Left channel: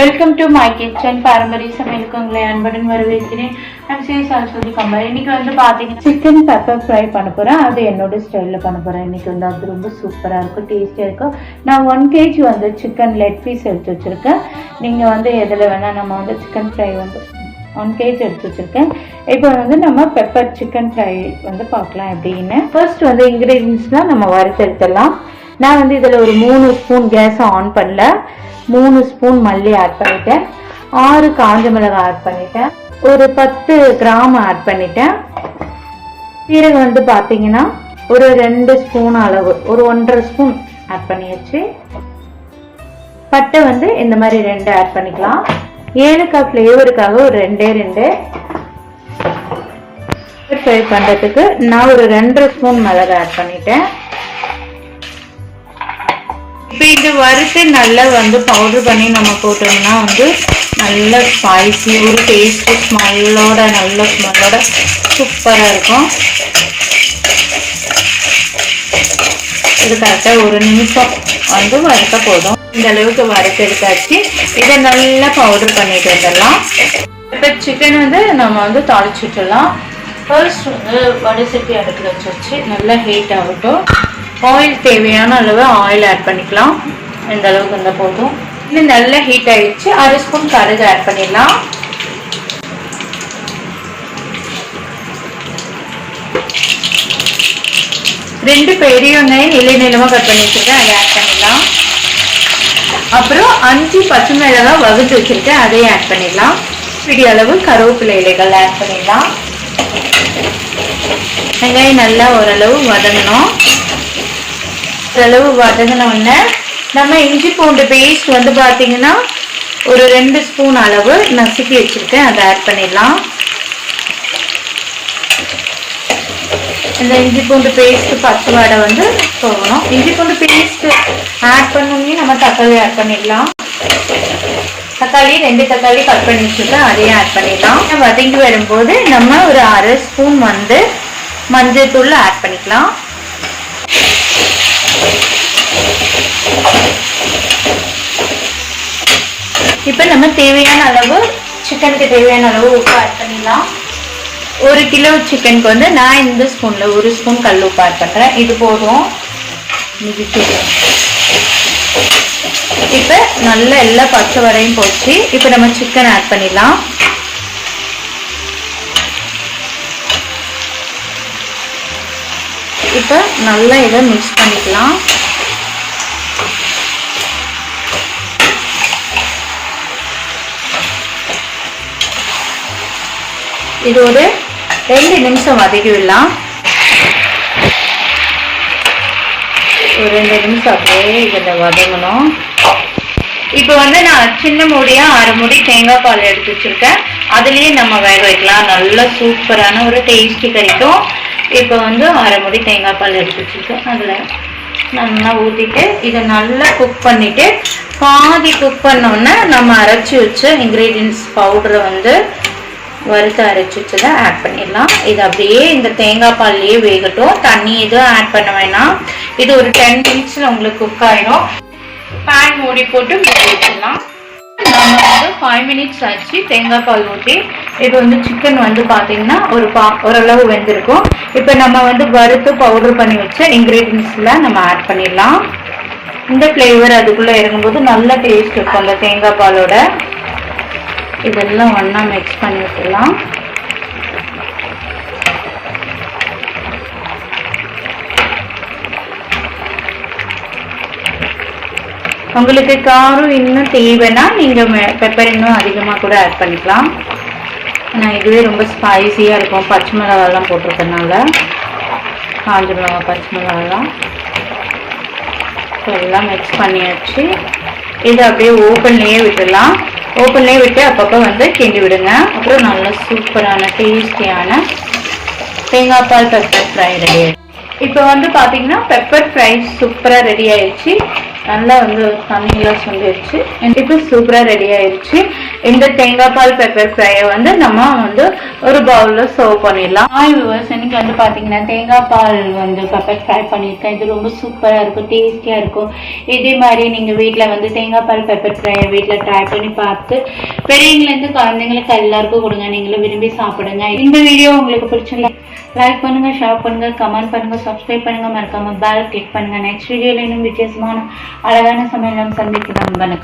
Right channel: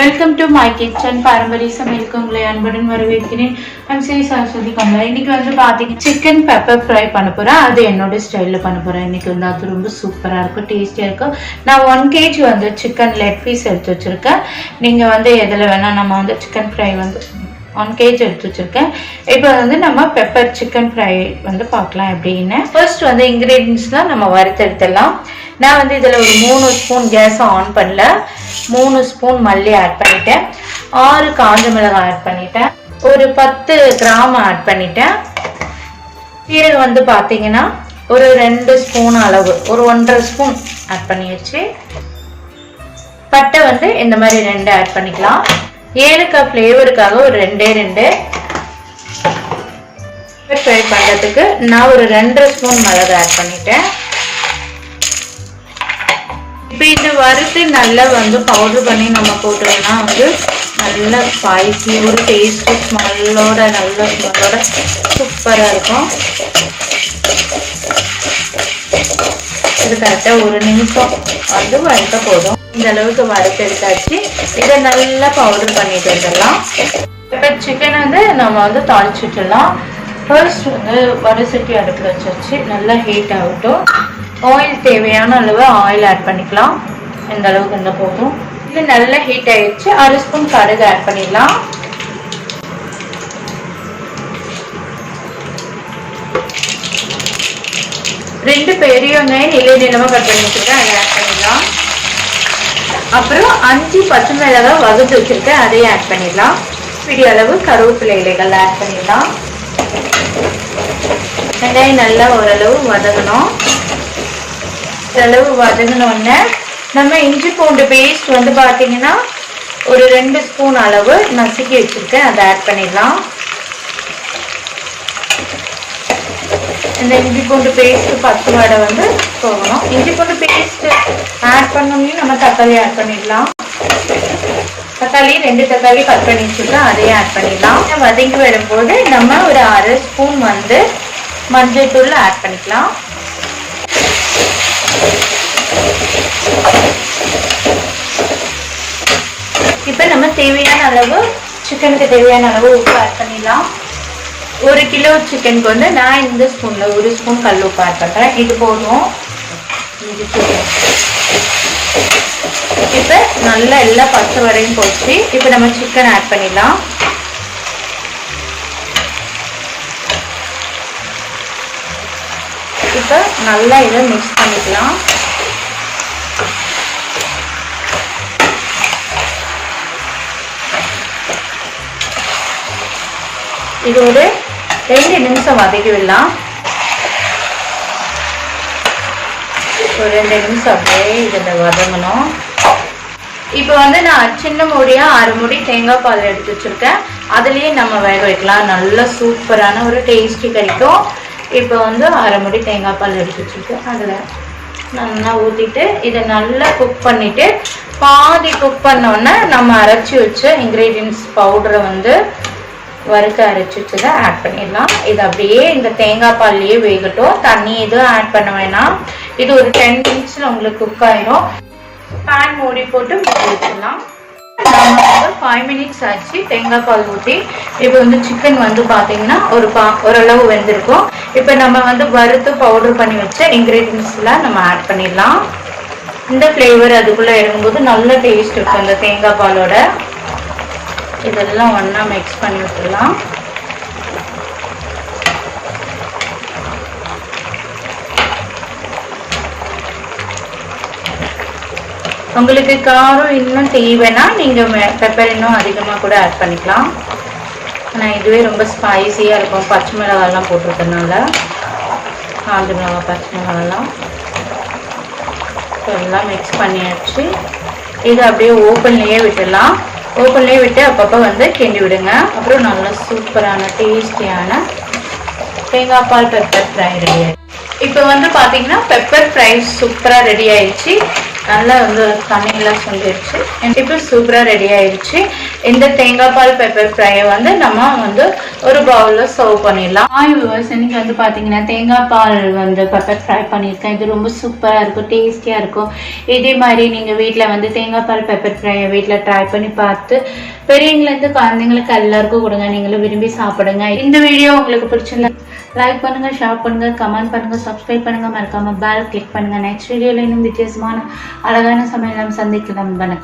My kitchen பாரம்பரிய சமையலுக்கு உங்களை அன்புடன் வரவேற்கிறேன். ஐம் ஸ்ரீ சரஸ்வதி கமல் இன்னைக்கு வந்து பார்த்தீங்கன்னா சிக்கன் பெப்பர் ஃப்ரை பண்ண போகிறேன் அது என்னோட ஸ்டைலில் பண்ண போகிறேன் இன்னைக்கு வந்து அது ரொம்ப சூப்பராக இருக்கும் டேஸ்டியாக இருக்கும். நான் ஒன் கேஜி வந்து சிக்கன் லெக் பீஸ் எடுத்து வச்சுருக்கேன். நீங்கள் வந்து எதில் வேணால் நம்ம வந்து சிக்கன் ஃப்ரை வந்து ஒன் கேஜ் எடுத்து வச்சுருக்கேன். இப்போ வந்து நம்ம பெப்பர் சிக்கன் ஃப்ரை வந்து பார்க்கலாம் எப்படின்னு ஃபர்ஸ்ட் வந்து இன்க்ரீடியன்ஸ் தான் நம்ம வறுத்தெடுத்துடலாம் நான் வந்து இதில் ஒரு மூணு ஸ்பூன் கேஸை ஆன் பண்ணல. மூணு ஸ்பூன் மல்லி ஆட் பண்ணிட்டேன். ஆறு காஞ்ச மிளகாய் ஆட் பண்ணிட்டேன். ஒரு பத்து கிராம் ஆட் பண்ணிட்டேன். சீரகம் வந்து பார்த்தீங்கன்னா ஒரு ரெண்டு ஸ்பூன் அளவு ஒரு ஒன்றரை ஸ்பூன் ஆட் பண்ணியாச்சு. பட்டை வந்து இந்த மாதிரி ரெண்டு ஆட் பண்ணிக்கலாம். ஏலக்காய் ஃப்ளேவருக்காக ஒரு ரெண்டே ரெண்டு. ஃப்ரை பண்ணுறதுக்கு நான் ஒரு ரெண்டரை ஸ்பூன் மிளகு ஆட் பண்ணிட்டேன். இப்போ இது வறுத்து நல்லா வந்து பவுடர் பண்ணி நம்ம போட்டோம்னா வந்து நல்ல ஸ்பைசி ஒரு டேஸ்ட்டு ஸ்மெல்லோட நல்ல ஸ்மெல்லோட சூப்பராக இருக்கும். இது கரெக்டாக ஒரு நிமிஷம் வந்து வறுக்க போதும். இந்த அளவுக்கு வறுத்து எடுத்தாச்சு. இதை நல்லா பவுடர் பண்ணிட்டு வந்துடலாம். இப்போ சிக்கன் வந்து நம்ம வந்து தாளிச்சு விட்டுடலாம். ஃபர்ஸ்ட் வந்து வடசட்டி அடுப்பில் வச்சு வச்சு நல்லா ஹீட் ஆகட்டும். ஆயில் தேவையான அளவு ஆயில் ஆட் பண்ணிக்கலாம். இந்த அளவுக்கு இருந்தால் போதும். இது நல்லா ஹீட் ஆகிடுச்சு அரை ஸ்பூன் கடுகு ஆட் பண்ணிடலாம். ரெண்டு பெரிய ஒன்றையும் நிலை நிலமாக கட் பண்ணி வச்சுருக்கேன். அதை ஆட் பண்ணிடலாம். அப்புறம் அஞ்சு பச்சை மிளகாய் வகுத்து வச்சுருக்கேன். அதையும் ஆட் பண்ணிடலாம். பிடி அளவு கருவேப்பிலை இலைகள் ஆட் பண்ணிடலாம். வெங்காயம் நல்லா ஓரளவு வதங்கணும். அளவு வதங்கினோடனே நம்ம இஞ்சி பூண்டு பேஸ்ட் வந்து பார்த்தீங்கன்னா ஒரு ரெண்டு ஸ்பூன் அளவு நசுக்கி வச்சுருக்கேன். அதை ஆட் பண்ணிடலாம். இந்த இஞ்சி பூண்டு பேஸ்ட்டு பச்சை வடை வந்து போகணும் இஞ்சி பூண்டு பேஸ்ட்டு ஆட் பண்ணோம்னே நம்ம தக்காளி ஆட் பண்ணிடலாம். தக்காளி ரெண்டு தக்காளி கட் பண்ணி வச்சுருக்கோம் அதையும் ஆட் பண்ணிடலாம். வதங்கி வரும்போது நம்ம ஒரு அரை ஸ்பூன் வந்து மஞ்சள் தூள் ஆட் பண்ணிக்கலாம். இப்போ நம்ம தேவையான அளவு சிக்கனுக்கு தேவையான அளவு உப்பு ஆட் பண்ணிடலாம். ஒரு கிலோ சிக்கனுக்கு வந்து நான் இந்த ஸ்பூனில் ஒரு ஸ்பூன் கல் உப்பு ஆட் பண்ணுறேன் இது போதும். இப்போ நல்லா எல்லா பச்சை வரையும் போச்சு இப்போ நம்ம சிக்கன் ஆட் பண்ணிடலாம். இப்போ நல்லா இதை மிக்ஸ் பண்ணிக்கலாம். இது ஒரு ரெண்டு நிமிஷம் வதக்கி விடலாம் ஒரு ரெண்டு நிமிஷம் அப்படியே இதில் வதங்கணும். இப்போ வந்து நான் சின்ன மூடியாக அரை மூடி தேங்காய் பால் எடுத்து வச்சுருக்கேன். அதுலேயே நம்ம வேக வைக்கலாம். நல்லா சூப்பரான ஒரு டேஸ்ட்டு கிடைக்கும். இப்போ வந்து அரை மூடி தேங்காய் பால் எடுத்து வச்சிருக்கேன். அதில் நல்லா ஊற்றிட்டு இதை நல்லா குக் பண்ணிவிட்டு பாதி குக் பண்ணோன்னே நம்ம அரைச்சி வச்ச இன்க்ரீடியன்ஸ் பவுடரை வந்து வறுத்து அரைச்சி வச்சதை ஆட் பண்ணிடலாம். இது அப்படியே இந்த தேங்காய் பால்லையே வேகட்டும். தண்ணி எதுவும் ஆட் பண்ண வேணாம். இது ஒரு டென் மினிட்ஸில் உங்களுக்கு குக் ஆகிடும் பேன் மூடி போட்டு வச்சுக்கலாம் ஃபைவ் மினிட்ஸ் ஆச்சு. தேங்காய் பால் ஊற்றி இப்போ வந்து சிக்கன் வந்து பார்த்தீங்கன்னா ஒரு பா ஓரளவு வெந்திருக்கும். இப்போ நம்ம வந்து வறுத்து பவுடர் பண்ணி வச்ச இன்க்ரீடியன்ஸ்லாம் நம்ம ஆட் பண்ணிடலாம். இந்த ஃப்ளேவர் அதுக்குள்ளே இறங்கும்போது நல்ல டேஸ்ட் இருக்கும் அந்த தேங்காய் பாலோட. இதெல்லாம் ஒன்றா மிக்ஸ் பண்ணி விட்டுலாம் உங்களுக்கு காரம் இன்னும் தேவைன்னா நீங்கள் பெப்பர் இன்னும் அதிகமாக கூட ஆட் பண்ணிக்கலாம். ஆனால் இதுவே ரொம்ப ஸ்பைசியாக இருக்கும். பச்சை மிளகாலாம் போட்டிருக்கனால காஞ்ச மிளகா பச்சை மிளகாலாம் எல்லாம் மிக்ஸ் பண்ணியாச்சு. இது அப்படியே ஓப்பன்லேயே விட்டுடலாம். ஓப்பன்லேயே விட்டு அப்பப்போ வந்து கிண்டி விடுங்க. அப்புறம் நல்ல சூப்பரான டேஸ்டியான தேங்காய் பால் பெப்பர் ஃப்ரை ரெடி இப்போ வந்து பார்த்தீங்கன்னா பெப்பர் ஃப்ரை சூப்பராக ரெடி ஆயிடுச்சு. நல்லா வந்து தண்ணியெல்லாம் சொல்லிடுச்சு இப்போ சூப்பராக ரெடி ஆயிடுச்சு இந்த தேங்காய் பால் பெப்பர் ஃப்ரையை வந்து நம்ம வந்து ஒரு பவுலில் சர்வ் பண்ணிடலாம். ஆய் விவர்ஸ் இன்னைக்கு வந்து பார்த்தீங்கன்னா தேங்காய் பால் வந்து பெப்பர் ஃப்ரை பண்ணியிருக்கேன். இது ரொம்ப சூப்பராக இருக்கும் டேஸ்டியாக இருக்கும். இதே மாதிரி நீங்கள் வீட்டில் வந்து தேங்காய் பால் பெப்பர் ஃப்ரை வீட்டில் ட்ரை பண்ணி பார்த்து பெரியவங்கலேருந்து குழந்தைங்களுக்கு எல்லாருக்கும் கொடுங்க. நீங்களும் விரும்பி சாப்பிடுங்க. இந்த வீடியோ உங்களுக்கு பிடிச்சிருந்தா லைக் பண்ணுங்க ஷேர் பண்ணுங்க கமெண்ட் பண்ணுங்க சப்ஸ்கிரைப் பண்ணுங்க. மறக்காம பேல் கிளிக் பண்ணுங்கள் நெக்ஸ்ட் வீடியோல இன்னும் வித்தியாசமான அழகான சமையலம் நம்ம சந்திக்கலாம். வணக்கம்.